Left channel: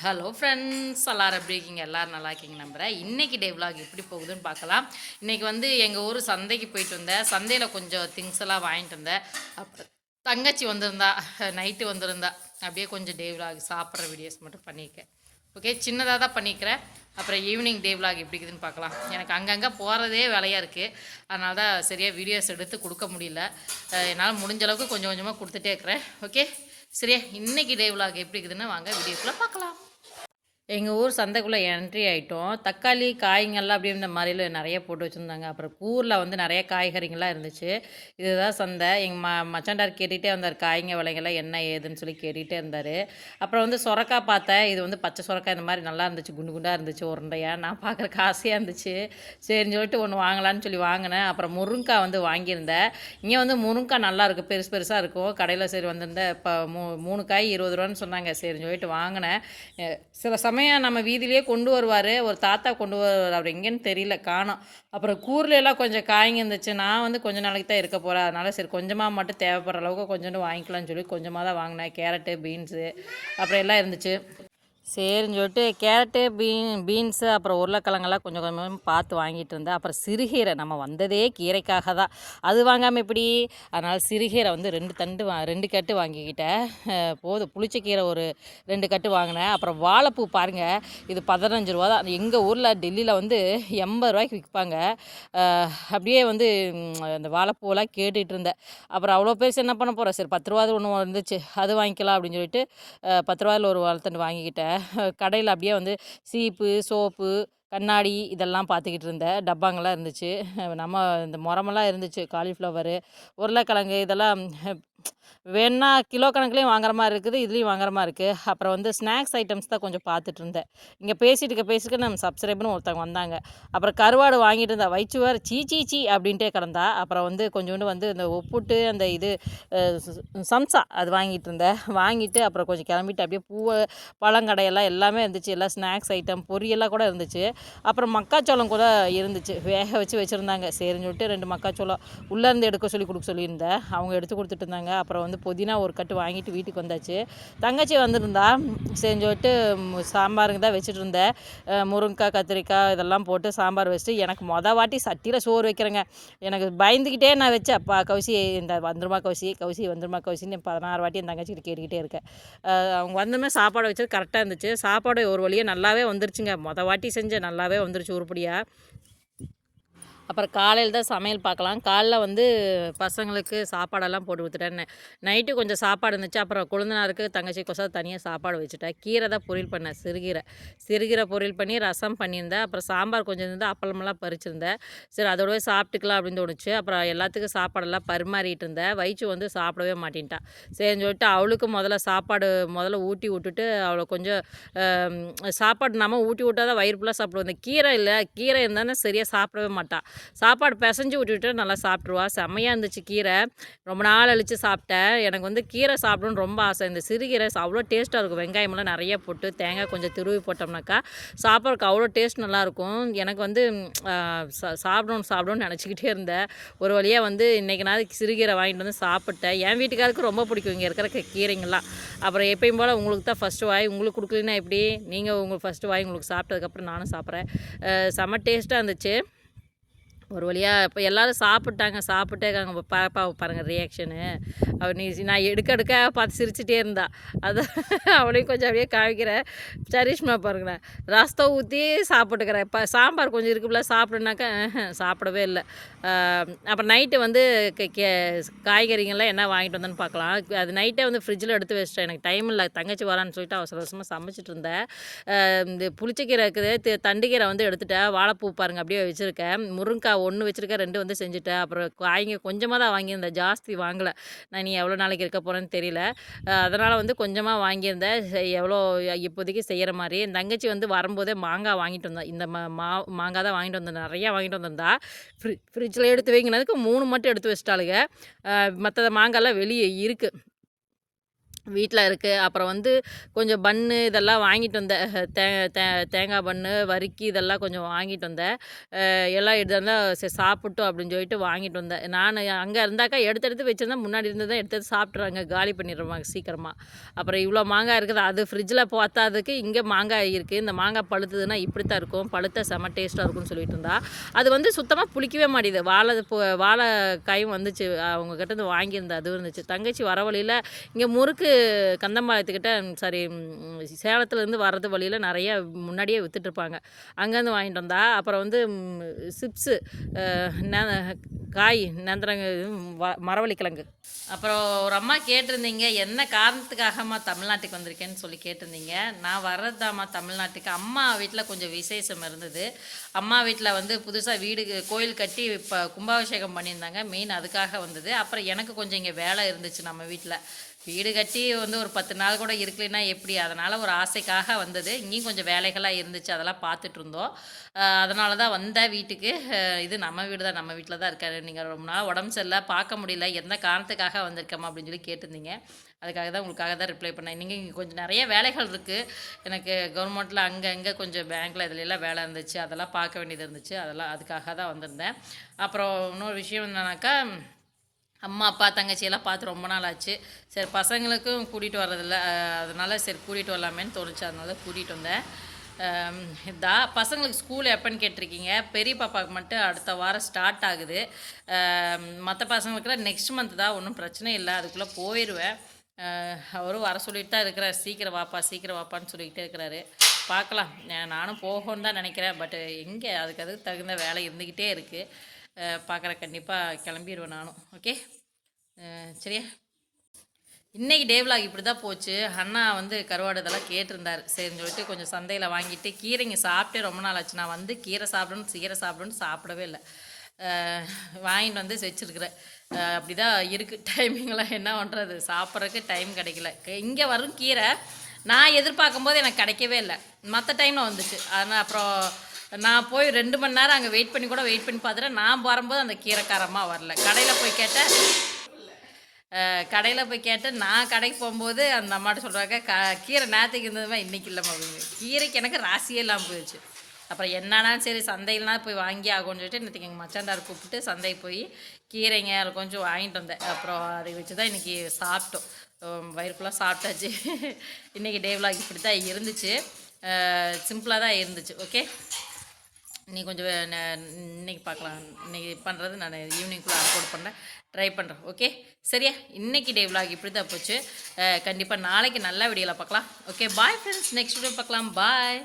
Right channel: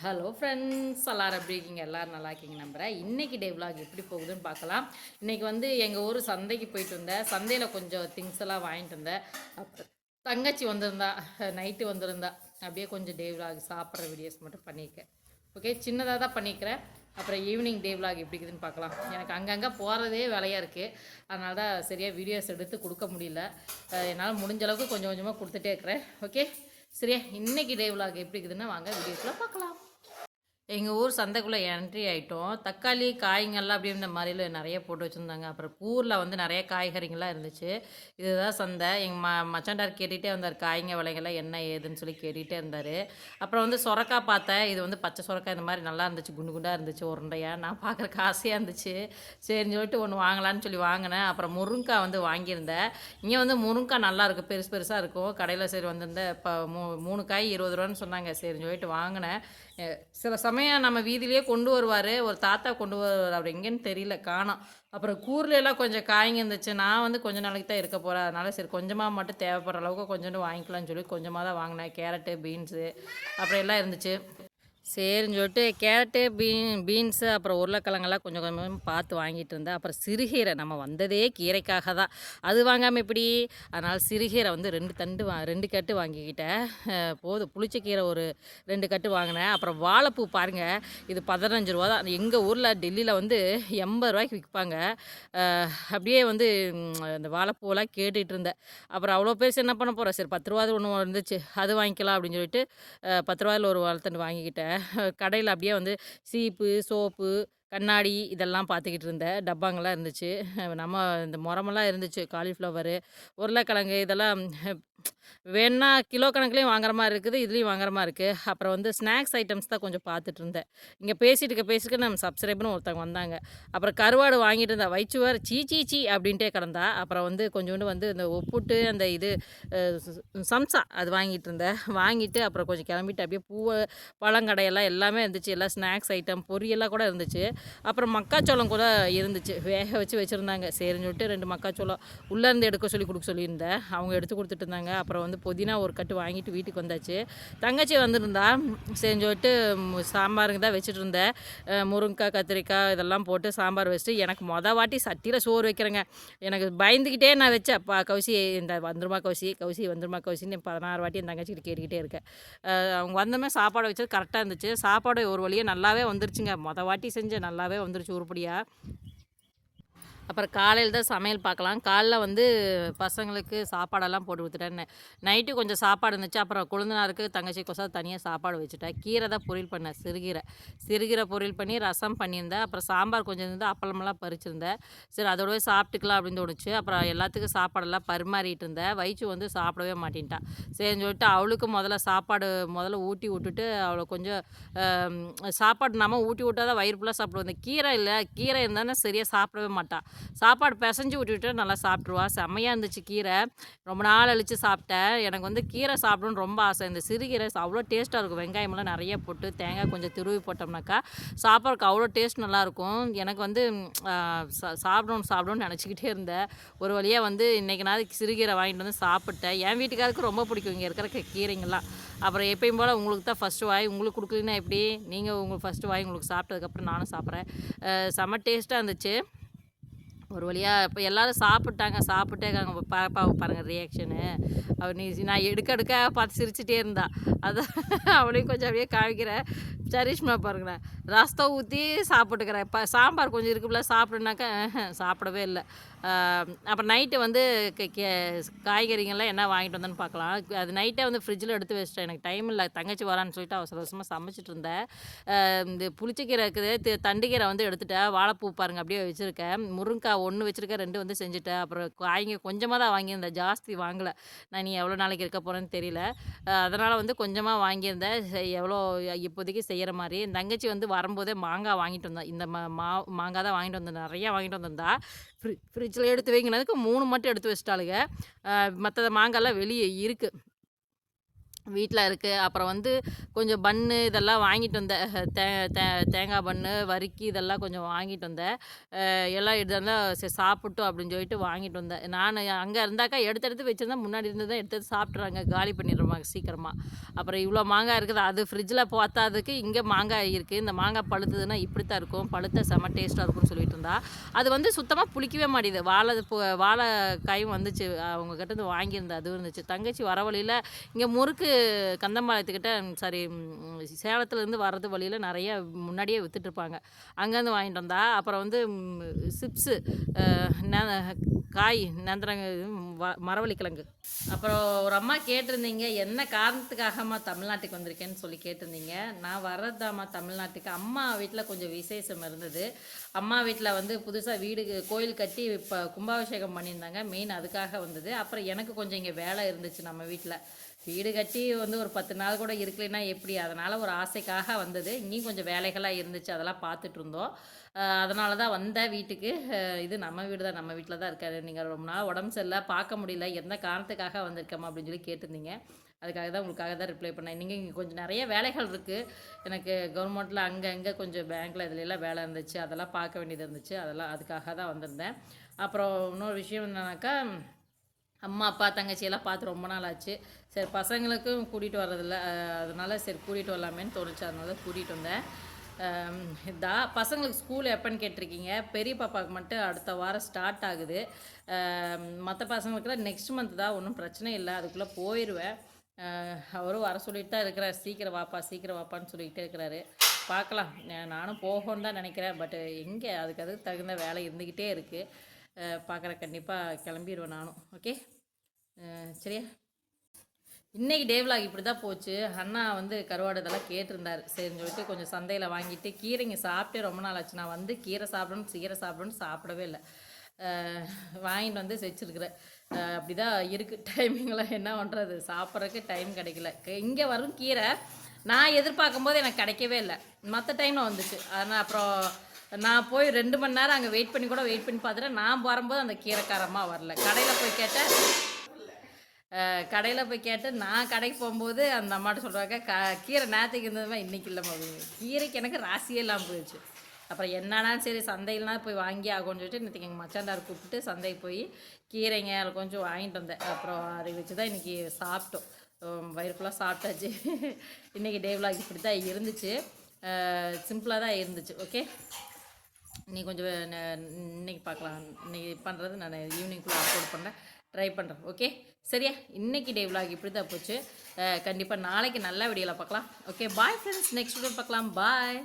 Hello friends எல்லோரும் எப்படி இருக்கீங்க? எல்லோரும் நல்லா இருக்கீங்க நம்புகிறேன் இன்றைக்கி டே விலாக் எப்படி போகுதுன்னு பார்க்கலாம். இன்றைக்கி வந்து எங்கள் ஊர் சந்தைக்கு போயிட்டு வந்தேன். சந்தையில் கொஞ்சம் திங்ஸ் எல்லாம் வாங்கிட்டு வந்தேன். அப்புறம் தங்கச்சி வந்திருந்தா நைட்டு வந்திருந்தா அப்படியே கொஞ்சம் டே விலாக் சாப்பிட்ற வீடியோஸ் மட்டும் பண்ணியிருக்கேன். ஓகே சின்னதாக தான் பண்ணிக்கிறேன் அப்புறம் ஈவினிங் டே விலாக் எப்படி இருக்குதுன்னு பார்க்கலாம். எனக்கு அங்கங்கே போகிறதே வேலையாக இருக்குது அதனால தான் சரியாக வீடியோஸ் எடுத்து கொடுக்க முடியல. என்னால் முடிஞ்ச அளவுக்கு கொஞ்சம் கொஞ்சமாக கொடுத்துட்டே இருக்கிறேன். ஓகே சரியா? இன்னைக்கு டே விலாக் எப்படி இருக்குதுன்னு வாங்க வீடியோக்குள்ளே பார்க்கலாம். எங்கள் ஊர் சந்தைக்குள்ளே என்ட்ரி ஆகிட்டோம் தக்காளி காய்ங்கள்லாம் அப்படியே மாதிரியில் நிறைய போட்டு வச்சுருந்தாங்க. அப்புறம் கூரில் வந்து நிறைய காய்கறிங்கள்லாம் இருந்துச்சு. இதுதான் சந்தை. எங்கள் ம மச்சாண்டார் கேட்டுகிட்டே வந்தார் காய்ங்க விலைங்கள்லாம் என்ன ஏதுன்னு சொல்லி கேட்டுகிட்டே இருந்தார். அப்புறம் வந்து சொரக்காய் பார்த்தேன். இது வந்து பச்சை சொரக்காய். இந்த மாதிரி நல்லா இருந்துச்சு. குண்டு குண்டாக இருந்துச்சு உருண்டையாக நான் பார்க்குறக்கு ஆசையாக இருந்துச்சு. சரின்னு சொல்லிட்டு ஒன்று வாங்கலான்னு சொல்லி வாங்கினேன். அப்புறம் முருங்காய் வந்து வாங்கியிருந்தேன். இங்கே வந்து முருங்காய் நல்லா இருக்கும் பெருசு பெருசாக இருக்கும். கடையில் சரி வந்திருந்தேன் இப்போ மூ மூணு காய் இருபது ரூபான்னு சொன்னாங்க. சரின்னு சொல்லிட்டு வாங்கினேன். சில சமயம் நம்ம வீதியிலேயே கொண்டு வருவார். ஒரு தாத்தா கொண்டு வருவார் அவர் எங்கேன்னு தெரியல காணோம். அப்புறம் கூர்ல எல்லாம் கொஞ்சம் காய்ங்க இருந்துச்சு. நான் வந்து கொஞ்ச நாளைக்கு தான் இருக்க போகிறேன் அதனால் சரி கொஞ்சமாக மட்டும் தேவைப்படுற அளவுக்கு கொஞ்சோண்டு வாங்கிக்கலாம்னு சொல்லி கொஞ்சமாக தான் வாங்கினேன். கேரட்டு பீன்ஸு அப்புறம் எல்லாம் இருந்துச்சு. சரின்னு சொல்லிட்டு கேரட்டு பீன் பீன்ஸு அப்புறம் உருளைக்கிழங்கெல்லாம் கொஞ்சம் கொஞ்சமாக பார்த்து வாங்கிட்டு இருந்தேன் அப்புறம் சிறுகீரை நம்ம வந்ததே கீரைக்காக தான். அது வாங்காமல் எப்படி? அதனால் சிறுகீரை வந்து ரெண்டு தண்டு வா ரெண்டு கட்டு வாங்கிக்கிட்டேன். போதும். புளிச்ச கீரை ஒரு ரெண்டு கட்டு வாங்கினேன். அப்புறம் வாழைப்பூ பாருங்கள் இது பதினஞ்சு ரூபா தான். எங்கள் ஊரில் டெல்லியில் வந்து எண்பது ரூபாய்க்கு விற்பாங்க. அப்படியே வந்து அந்த வாழைப்பூவெல்லாம் கேட்டுகிட்டு இருந்தேன். அப்புறம் அவ்வளோ பேர் என்ன பண்ண போகிறேன்? சரி பத்து ரூபாது ஒன்று இருந்துச்சு அது வாங்கிக்கலாம் அப்படின்னு சொல்லிட்டு பத்து ரூபாயில் ஒரு வாழைத்தண்டு வாங்கிக்கிட்டேன். கடையில் அப்படியே வந்து சீப்பு சோப்பு கண்ணாடி இதெல்லாம் பார்த்துக்கிட்டு இருந்தேன் டப்பாங்கெல்லாம் இருந்துச்சு. நம்ம இந்த முறமெல்லாம் இருந்துச்சு. காலிஃப்ளவரு உருளைக்கிழங்கு இதெல்லாம் வேணா கிலோ கணக்குலேயும் வாங்குற மாதிரி இருக்குது இதுலேயும் வாங்குற மாதிரி இருக்குது அப்புறம் வந்து ஸ்நாக்ஸ் ஐட்டம்ஸ் தான் கொஞ்சம் பார்த்துட்டு இருந்தேன். இங்கே பேசிட்டு இருக்க பேசிட்டு நம்ம சப்ஸ்கிரைபர்னு ஒருத்தவங்க வந்தாங்க. அப்புறம் கருவாடு வாங்கிட்டு இருந்தா வேறு சீ சீ சீ அப்படின்ட்டே கிடந்தா அப்புறம் வந்து கொஞ்சோண்டு வந்து இந்த உப்புட்டு அந்த இது சம்சா அது வாங்கிட்டு இருந்தேன். வாங்கிட்டு அப்புறம் கொஞ்சம் கிளம்பிட்டு அப்படியே பூவை பழங்கடையெல்லாம் எல்லாமே இருந்துச்சு. எல்லாம் ஸ்நாக்ஸ் ஐட்டம் பொரியெல்லாம் கூட இருந்துச்சு. அப்புறம் மக்காச்சோளம் கூட இருந்துச்சு. வேக வச்சு வச்சுருந்தாங்க. சரின்னு சொல்லிட்டு ரெண்டு மக்காச்சோளம் உள்ளேருந்து எடுக்க சொல்லி கொடுக்க சொல்லியிருந்தேன். அவங்க எடுத்து கொடுத்துட்டு இருந்தாங்க. அப்புறம் வந்து புதினா ஒரு கட்டு வாங்கிட்டு வீட்டுக்கு வந்தாச்சு. தங்கச்சி வந்திருந்தா. செஞ்சுட்டு சாம்பாருங்க சாம்பாருக்கு தான் வச்சுட்டு இருந்தேன். முருங்கைக்காய் கத்திரிக்காய் இதெல்லாம் போட்டு சாம்பார் வச்சுட்டு எனக்கு மொதல் வாட்டி சட்டியில் சோறு வைக்கிறேங்க. எனக்கு பயந்துக்கிட்டே நான் வச்சேன். அப்பா கௌசி இந்த வந்துருமா கவுசி கௌசி வந்துருமா கவுசின்னு பதினாறு வாட்டி என் தங்கச்சிக்கிட்ட கேட்டுக்கிட்டே இருக்கேன். அவங்க வந்தோமே சாப்பாடு வச்சது கரெக்டாக இருந்துச்சு. சாப்பாடு ஒரு வழியாக நல்லாவே வந்துருச்சுங்க. மொதல் வாட்டி செஞ்சேன். நல்லாவே வந்துருச்சு உருப்படியாக அப்புறம் காலையில் தான் சமையல் பார்க்கலாம். காலைல வந்து பசங்களுக்கு சாப்பாடெல்லாம் போட்டு கொடுத்துட்டேன். நைட்டு கொஞ்சம் சாப்பாடு இருந்துச்சு. அப்புறம் கொழுந்தனாருக்கு தங்கச்சி கொசா தனியாக சாப்பாடு வச்சுட்டேன். கீரை தான் பொரியல் பண்ணேன். சிறுகீரை. சிறுகீரை பொரியல் பண்ணி ரசம் பண்ணியிருந்தேன். அப்புறம் சாம்பார் கொஞ்சம் இருந்து அப்பளமெல்லாம் பறிச்சிருந்தேன். சரி அதோடவே சாப்பிட்டுக்கலாம் அப்படின்னு தோணுச்சு. அப்புறம் எல்லாத்துக்கும் சாப்பாடெல்லாம் பரிமாறிட்டு இருந்தேன். வயிற்று வந்து சாப்பிடவே மாட்டேன்ட்டான். சரின்னு சொல்லிட்டு அவளுக்கு முதல்ல சாப்பாடு முதல்ல ஊட்டி விட்டுட்டு அவளை கொஞ்சம் சாப்பாடு நம்ம ஊட்டி விட்டா தான் வயிறு ஃபுல்லாக சாப்பிடுவோம். இந்த கீரை இல்லை. கீரை இருந்தானே சரியாக சாப்பிடவே மாட்டான் சாப்பாடு பிசைஞ்சு விட்டுட்டு நல்லா சாப்பிட்ருவா செம்மையாக இருந்துச்சு கீரை. ரொம்ப நாள் அழித்து சாப்பிட்டேன். எனக்கு வந்து கீரை சாப்பிடணும்னு ரொம்ப ஆசை. இந்த சிறுகீரை அவ்வளோ டேஸ்ட்டாக இருக்கும். வெங்காயமெல்லாம் நிறைய போட்டு தேங்காய் கொஞ்சம் திருவி போட்டோம்னாக்கா சாப்பாடுக்கு அவ்வளோ டேஸ்ட் நல்லாயிருக்கும். எனக்கு வந்து சா- சாப்பிடணும் சாப்பிடணும்னு நினச்சிக்கிட்டே இருந்தேன். ஒரு வழியாக வந்து இன்றைக்கி நான் சிறுகீரை வாங்கிட்டு வந்து சாப்பிட்டேன். என் வீட்டுக்காருக்கு ரொம்ப பிடிக்கும் இங்கே இருக்கிற கீரைங்கள்லாம். அப்புறம் எப்பயும் போல் உங்களுக்கு தான் ஃபஸ்ட்டு வாய். உங்களுக்கு கொடுக்கலன்னா எப்படி? நீங்கள் உங்களுக்கு ஃபஸ்ட்டு வாய் உங்களுக்கு சாப்பிட்டதுக்கப்புறம் நானும் சாப்பிட்றேன். செம்ம டேஸ்ட்டாக இருந்துச்சு. ஒரு வழியாக இப்போ எல்லாரும் சாப்பிட்டாங்க சாப்பிட்டே இருக்காங்க. பாப்பாவை பாருங்கள் ரியாக்ஷனு அவர் நீ நான் எடுக்க எடுக்க பார்த்து சிரிச்சிட்டே இருந்தா. அதான் அவளையும் கொஞ்சம் அப்படியே காமிக்கிறேன் சரிஷ்மா பாருங்களேன் ரசத்தை ஊற்றி சாப்பிட்டுக்கிறேன். இப்போ சாம்பார் கொஞ்சம் இருக்குல்ல சாப்பிடுனாக்கா சாப்பிடவே இல்லை. அப்புறம் நைட்டு வந்து கே- கே- என்ன வாங்கிட்டு வந்தேன்னு பார்க்கலாம். அது நைட்டே வந்து ஃப்ரிட்ஜில் எடுத்து வச்சிட்டேன். எனக்கு டைம் இல்லை. தங்கச்சி வரான்னு சொல்லிட்டு அவசர அவசரமாக சமைச்சிட்டு இருந்தேன். இந்த புளிச்சக்கீரை இருக்குது. தண்டுக்கீரை வந்து எடுத்துட்டேன். வாழைப்பூ பாருங்கள் அப்படியே வச்சுருக்கேன். முருங்கைக்காய் ஒன்று வச்சுருக்கேன் ரெண்டு வந்து செஞ்சுட்டேன். அப்புறம் காய்ங்க கொஞ்சமாக தான் வாங்கியிருந்தேன். ஜாஸ்தி வாங்கலை. நான் நீ எவ்வளோ நாளைக்கு இருக்க போகிறேன்னு தெரியல. அதனால் வந்து கொஞ்சமாக வாங்கியிருந்தேன். எவ்வளோ இப்போதைக்கு செய்கிற மாதிரி. என் தங்கச்சி வந்து வரும்போதே மாங்காய் வாங்கிட்டு வந்தேன் இந்த மா மா- மாங்காய் தான் வாங்கிட்டு வந்தேன் நிறையா வாங்கிட்டு வந்திருந்தா. ஃப்ரி ஃப்ரிட்ஜில் எடுத்து வைங்கினதுக்கு மூணு மட்டும் எடுத்து வச்சிட்டாளுங்க. மற்ற மாங்காய்லாம் வெளியே இருக்குது வீட்டில் இருக்குது அப்புறம் வந்து கொஞ்சம் பன்னு இதெல்லாம் வாங்கிட்டு வந்தேன். தே தே தேங்காய் பன்னு வறுக்கி இதெல்லாம் கொஞ்சம் வாங்கிட்டு வந்தேன். எல்லாம் இதெல்லாம் சரி சாப்பிட்டோம் அப்படின்னு சொல்லிட்டு வாங்கிட்டு வந்தேன். நான் அங்கே இருந்தாக்கா எடுத்து எடுத்து வச்சுருந்தா முன்னாடி இருந்து தான் எடுத்து எடுத்து சாப்பிட்றாங்க காலி பண்ணிடுவாங்க சீக்கிரமாக அப்புறம் இவ்வளோ மாங்காய் இருக்குது. அது ஃப்ரிட்ஜில் பார்த்தாதுக்கு இங்கே மாங்காய் இருக்குது இந்த மாங்காய் பழுத்ததுன்னா இப்படி தான் இருக்கும். பழுத்த செம டேஸ்ட்டாக இருக்கும்னு சொல்லிட்டு இருந்தா. அது வந்து சுத்தமாக புளிக்கவே மாட்டேது வாழை வாழைக்காயும் வந்துச்சு. அவங்க கிட்ட இருந்து வாங்கியிருந்தேன். அதுவும் இருந்துச்சு. தங்கச்சி வர வழியில் இங்கே முறுக்கு கந்தம்பாளையத்துக்கிட்ட சாரி சேலத்துலேருந்து வர்றது வழியில் நிறைய முன்னாடியே வித்துட்ருப்பாங்க அங்கேருந்து வாங்கிட்டு வந்தா அப்புறம் வந்து சிப்ஸு காய் நந்திரங்க மரவள்ளிக்கிழங்கு. அப்புறம் ஒரு அம்மா கேட்டிருந்தீங்க என்ன காரணத்துக்காகம்மா தமிழ்நாட்டுக்கு வந்திருக்கேன்னு சொல்லி கேட்டிருந்தீங்க. நான் வர்றதுதாம்மா தமிழ்நாட்டுக்கு. அம்மா வீட்டில் கொஞ்சம் விசேஷம் இருந்தது. அம்மா வீட்டில் வந்து புதுசாக வீடு கோயில் கட்டி இப்போ கும்பாபிஷேகம் பண்ணியிருந்தாங்க. மெயின் அதுக்காக வந்தது. அப்புறம் எனக்கு கொஞ்சம் இங்கே வேலை இருந்துச்சு நம்ம வீட்டில் வீடு கட்டி வந்து ஒரு பத்து நாள் கூட இருக்கலைன்னா எப்படி? அதனால் ஒரு ஆசைக்காக வந்தது. இங்கேயும் கொஞ்சம் வேலைகளாக இருந்துச்சு. அதெல்லாம் பார்த்துட்டு இருந்தோம். அதனால தான் வந்தேன் வீட்டுக்கு. இது நம்ம வீடு தான். நம்ம வீட்டில் தான் இருக்காரு. நீங்கள் ரொம்ப நாள் உடம்பு சரியில்லை பார்க்க முடியல. எந்த காரணத்துக்காக வந்திருக்கோமா அப்படின்னு சொல்லி கேட்டிருந்தீங்க. அதுக்காக தான் உங்களுக்காக தான் ரிப்ளை பண்ணேன். நீங்கள் இங்கே கொஞ்சம் நிறைய வேலைகள் இருக்குது எனக்கு கவர்மெண்ட்டில் அங்கே அங்கே கொஞ்சம் பேங்க்கில் இதுலலாம் வேலை இருந்துச்சு. அதெல்லாம் பார்க்க வேண்டியது இருந்துச்சு. அதெல்லாம் அதுக்காக தான் வந்திருந்தேன். அப்புறம் இன்னொரு விஷயம் என்னன்னாக்கா அம்மா அப்பா தங்கச்சியெல்லாம் பார்த்து ரொம்ப நாள் ஆச்சு. சரி பசங்களுக்கும் கூட்டிகிட்டு வர்றதில்ல. அதனால் சரி கூட்டிகிட்டு வரலாமேன்னு தோணுச்சு. அதனால கூட்டிகிட்டு வந்தேன். இதா பசங்களுக்கு ஸ்கூல் எப்போன்னு கேட்டிருக்கீங்க. பெரிய பாப்பாவுக்கு மட்டும் அடுத்த வாரம் ஸ்டார்ட் ஆகுது. மற்ற பசங்களுக்குலாம் நெக்ஸ்ட் மந்த் தான் ஒன்றும் பிரச்சனை இல்லை. அதுக்குள்ளே போயிடுவேன் அவரும் வர சொல்லிட்டு தான் இருக்கிறார். சீக்கிரம் வாப்பா சீக்கிரம் வாப்பான்னு சொல்லிக்கிட்டே இருக்கிறாரு. பார்க்கலாம். நானும் போகணும்னு தான் நினைக்கிறேன். பட் எங்கே அதுக்கு அதுக்கு தகுந்த வேலை இருந்துக்கிட்டே இருக்குது பார்க்குற கண்டிப்பாக கிளம்பிடுவேன் நானும். ஓகே சரியா? இன்றைக்கி டேவ்லாக் இப்படி தான் போச்சு. அண்ணா வந்து கருவாடு இதெல்லாம் கேட்டிருந்தாரு. சரின்னு சொல்லிட்டு கொஞ்சம் சந்தையில் வாங்கிட்டு கீரைங்க சாப்பிட்டே ரொம்ப நாள் ஆச்சு. நான் வந்து கீரை சாப்பிடணும் கீரை சாப்பிடணும்னு சாப்பிடவே இல்லை. வாங்கிட்டு வந்து வச்சுருக்குறேன். அப்படி தான் இருக்குது டைமிங்லாம் என்ன பண்ணுறது சாப்பிட்றதுக்கு டைம் கிடைக்கல. இங்கே வரும் கீரை. நான் எதிர்பார்க்கும் போது எனக்கு கிடைக்கவே இல்லை. மற்ற டைமில் வந்துச்சு. அதனால் அப்புறம் நான் போய் ரெண்டு மணி நேரம் அங்கே வெயிட் பண்ணி கூட வெயிட் பண்ணி பார்த்துட்டேன். நான் வரும்போது அந்த கீரைக்காரமாக வரல. கடையில் போய் கேட்டேன் கடையில் போய் கேட்டு நான் கடைக்கு போகும்போது அந்த அம்மாட்ட சொல்கிறாங்க க கீரை நேற்றுக்கு இருந்ததுமா இன்றைக்கி இல்லை அப்படின்னு. கீரைக்கு எனக்கு ராசியே இல்லாமல் போயிடுச்சு. அப்புறம் என்னன்னா சரி சந்தையிலனா போய் வாங்கி ஆகும்னு சொல்லிட்டு இன்றைக்கி எங்கள் மச்சாண்டார் கூப்பிட்டு சந்தைக்கு போய் கீரைங்க அதில் கொஞ்சம் வாங்கிட்டு வந்தேன். அப்புறம் அதை வச்சு தான் இன்றைக்கி சாப்பிட்டோம் வயிறுக்குள்ளே வயிறு ஃபுல்லாக சாப்பிட்டாச்சு. இன்றைக்கி டே vlog இப்படி தான் இருந்துச்சு சிம்பிளாக தான் இருந்துச்சு. ஓகே நீ கொஞ்சம் இன்னைக்கு பார்க்கலாம். இன்னைக்கு பண்ணுறது நான் ஈவினிங்குள்ளே அப்லோட் பண்ணேன். ட்ரை பண்ணுறேன் ஓகே சரியா? இன்னைக்கு டே vlog இப்படி தான் போச்சு கண்டிப்பாக நாளைக்கு நல்ல வீடியோவில் பார்க்கலாம். Okay bye friends next video பார்க்கலாம். பாய்